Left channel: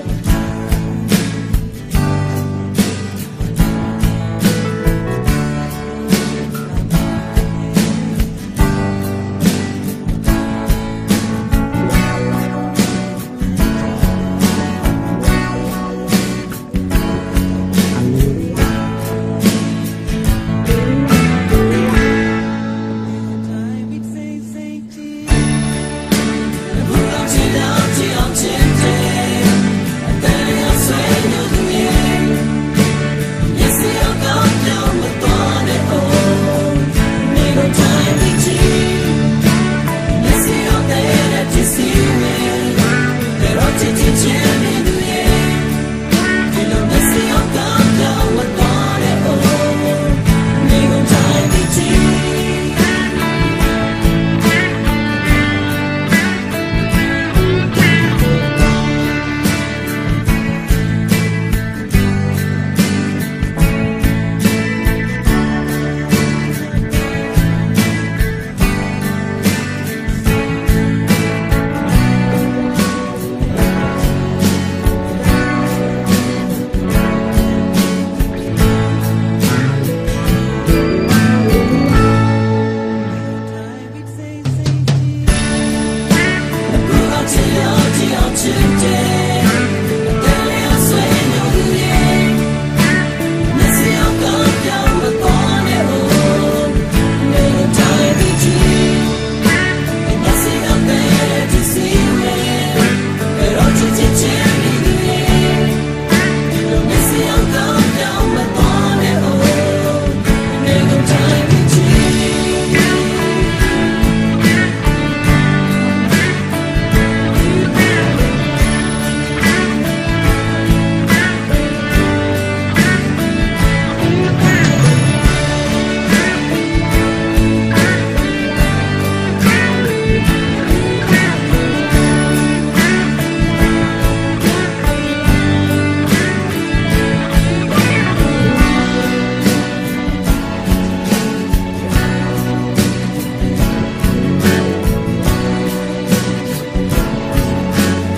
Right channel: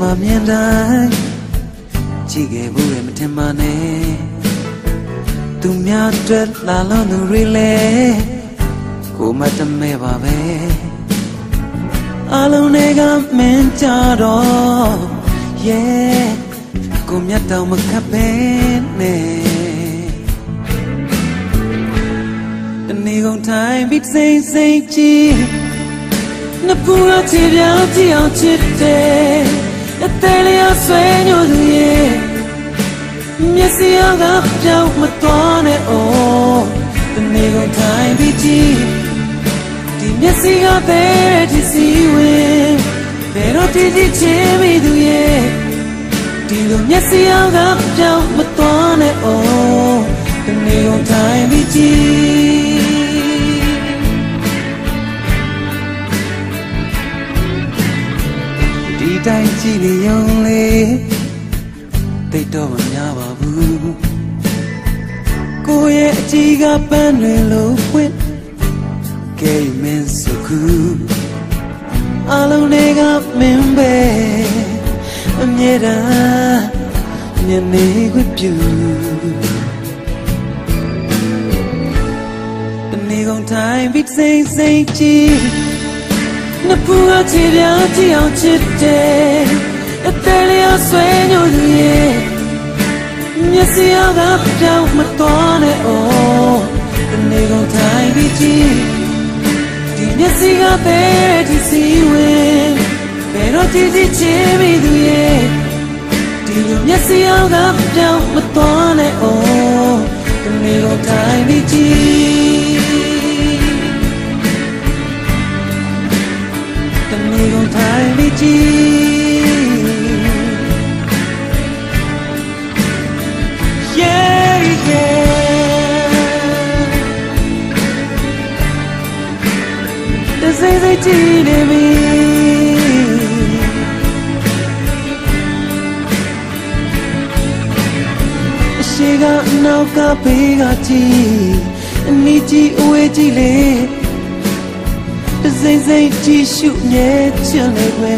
မှာမြင်တိုင်းချစ်ခဲ့မှုရဲ့တင်မနဲ့သူများအတွက်လာလို့သူတွေလဲကိုမတမဲပါပဲအလုံးတွေကမင်းကြတော့ yeah ကိုမြတ်တော်မခပ်ပဲနေကုန်တိုင်းပြီးစိတ်စိတ်ကြည့်နပူရချီပြောင်းကြည့်အောင်ချစ်တယ်အသေးလေးအဆွေညိုသူရဲ့မျက်စိကပြောင်းမသွားနဲ့ oh နေကုန်တိုင်းပြီးကြည့်ဒီမျက်စိကတဲ့ဒီစီဝင်ဘယ်တော့ဒီချင်မိသူရဲ့ဒီလိုမျက်စိကပြောင်းမသွားနဲ့ oh နေကုန်တိုင်းပြီးကြည့်စိတ်စိတ်ကြည့်နပူအချီပြောင်းကြည့်အောင်ချစ်တယ်အသေးလေးအဆွေညိုသူရဲ့မျက်စိကပြောင်းမသွားနဲ့ oh နေကုန်တိုင်းပြီးကြည့်ဒီမျက်စိကပဲဒီစီဝင်ဘယ်တော့ဒီချင်မိသူရဲ့ဒီမျက်စိကပြောင်းမသွားနဲ့ oh နေကုန်တိုင်းပြီးကြည့်ရှုမြဲချင်တယ်ပဲ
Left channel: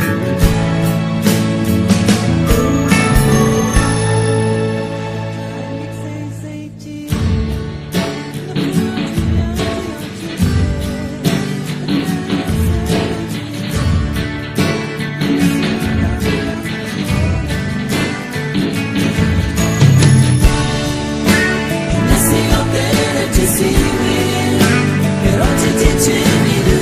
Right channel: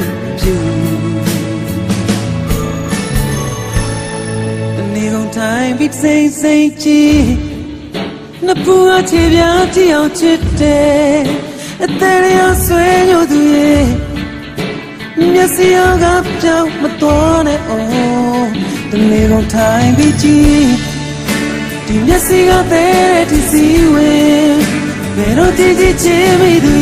အနေကုန်တိုင်းပြီးစိတ်စိတ်ကြည့်နပူအချီပြောင်းကြည့်အောင်ချစ်တယ်အသေးလေးအဆွေညိုသူရဲ့မျက်စိကပြောင်းမသွားနဲ့ oh အနေကုန်တိုင်းပြီးကြည့်ဒီမျက်စိကပဲဒီစီဝင်ဘယ်တော့ဒီချင်မိသူ